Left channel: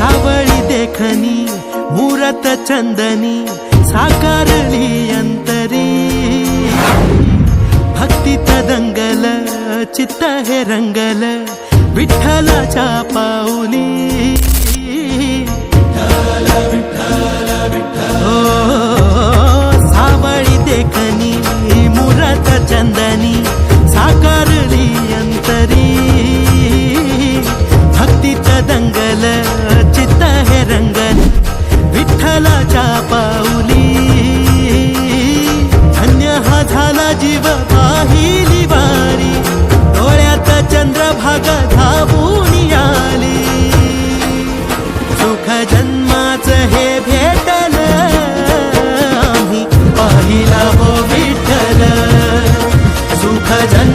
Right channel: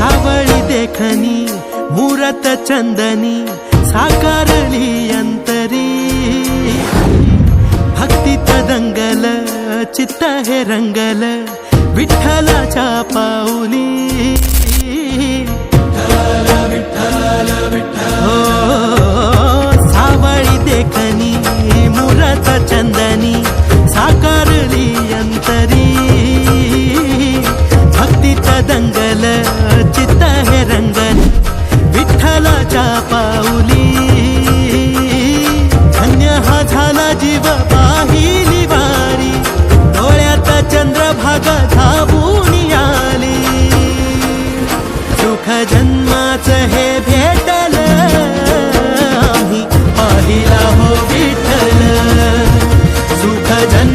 सावळी देखणी मुरत चंदनी साकारली अंतरी भक्तीत दंगल चित्त हे रंगल विठ्ठलाच्या पाऊली हो सावळी देखणी मुरत चंदनी साकारली अंतरी भक्तीत दंगल चित्त हे रंगल विठ्ठलाच्या पाऊली धन्य हा झाला जीव पाहिली वारी डोळ्यात चंद्रभागा धावून आली सुख जन्माचं हे भेटल आम्ही पाहिला हो विठ्ठल सुख जन्म